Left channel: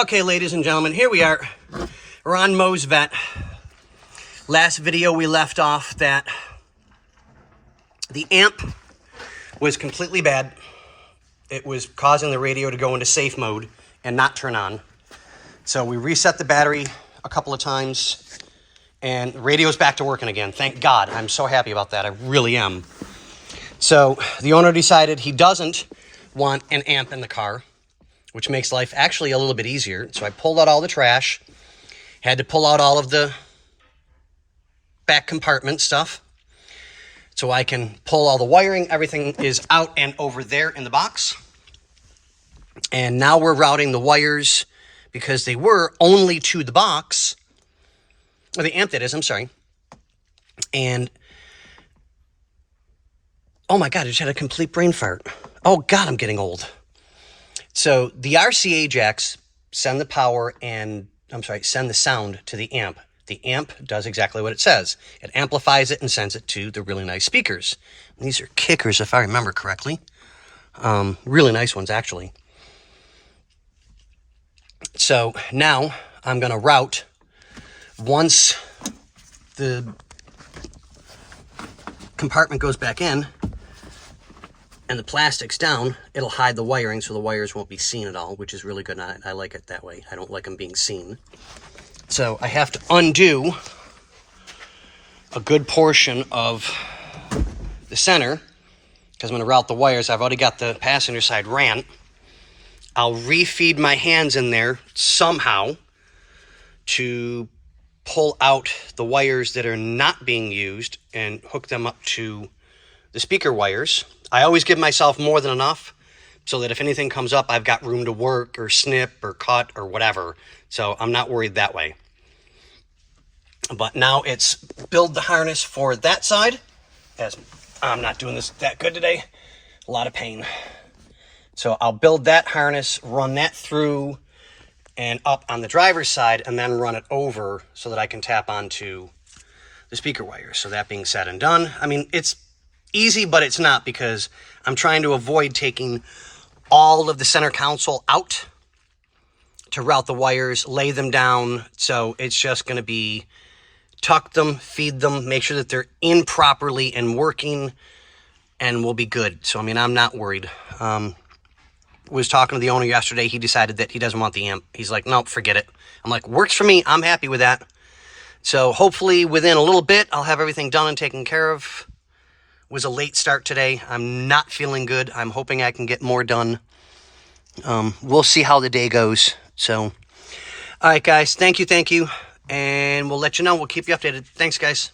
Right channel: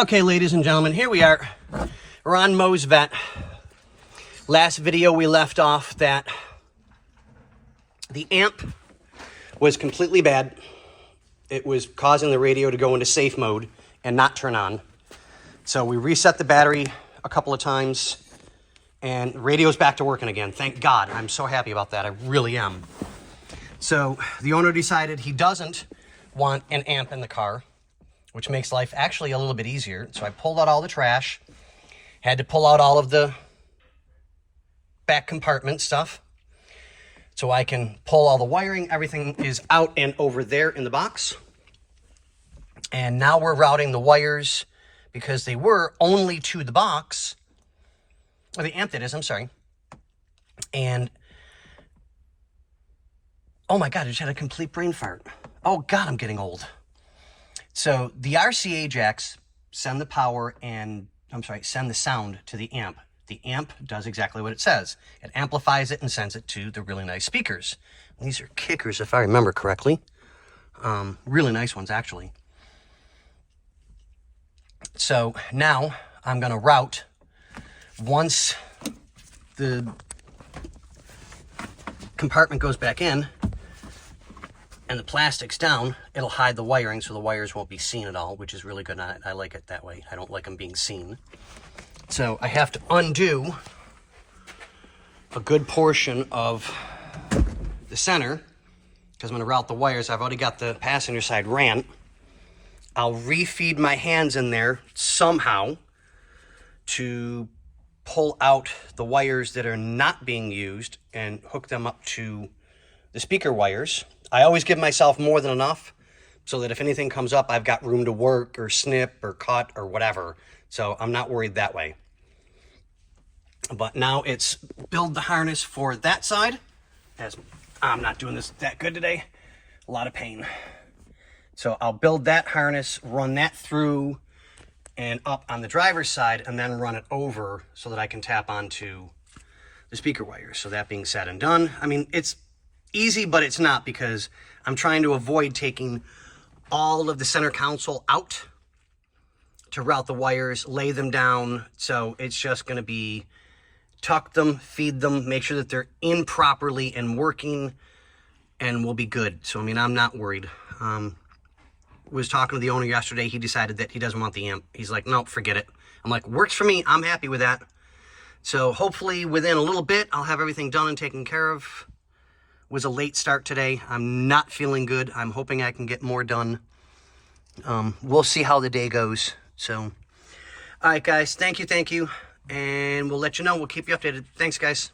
Okay, ladies and gentlemen, here we are. We're on Mo's Vet. Last video we left off that the amp was completely bad. It was causing the radio to go into safe mode and not turn on. So we reset the battery a couple of times and the radio's back to working again. Thank God. I'm so happy about that. I really am. So the owner decided he doesn't want an amp in the car, which makes life actually a little bit easier. So I pulled out all the trash, had to pull out all of the back compartment stuff so I can pull all the wiring. Everything is out and over there in the box. And now we're routing the wires because they were only to the box, or the amp that is, I'm sorry. And, oh my God, I just had a complete brain fart. Oh God, I'm getting old. So the RCA jacks send the power and, send the sound to the amp. The amp does exactly what it says. It amplifies it and sends it to the really nice speakers. And these are kickers, if I remember correctly. Really nice ones, actually. So now I'm going to route, once the compartment goes back in and the plastic's down, it'll hide the wiring so the wires won't be seen at all, which is really good. I like it that way. I don't like them being seen. So I have to undo a good portion of the center because I'm going to route the wires. I've already got the passenger side ran. I'll refeed my hands in there somehow to pull out the wires that are not being used and hook them up to the speaker wires. I always give myself more than enough so that if anything comes up, I've got room to work or snip or cut or whatever. So I'm not worried that way. But now it's build the harness for that side, as I'm not doing this that good today. A lot of pain. So I'll build that harness, run that through and up on the driver's side, and then run it over so that I can tap onto the speaker wires. So that being said and done, I mean, it's easy, but it's not, because I'm trying to avoid taking all of the center console out to route the wires, lay them down. So it's just going to be tuck them, feed them, make sure that they're in properly and working, and we'll be good. So, I mean, I'm not worried. Was talking to the owner yesterday. He decided that he doesn't want the amp. He's like, nope, forget it. I'm like, works for me. I'm happy with that. So hopefully within a little bit, I'll have everything done and taken care of. Was a late start today. I'm not feeling good. I'm hoping I can get more done. We'll see how the day goes. So, all right, guys, thank you. And we'll let you know. We'll keep you updated. Thanks, guys.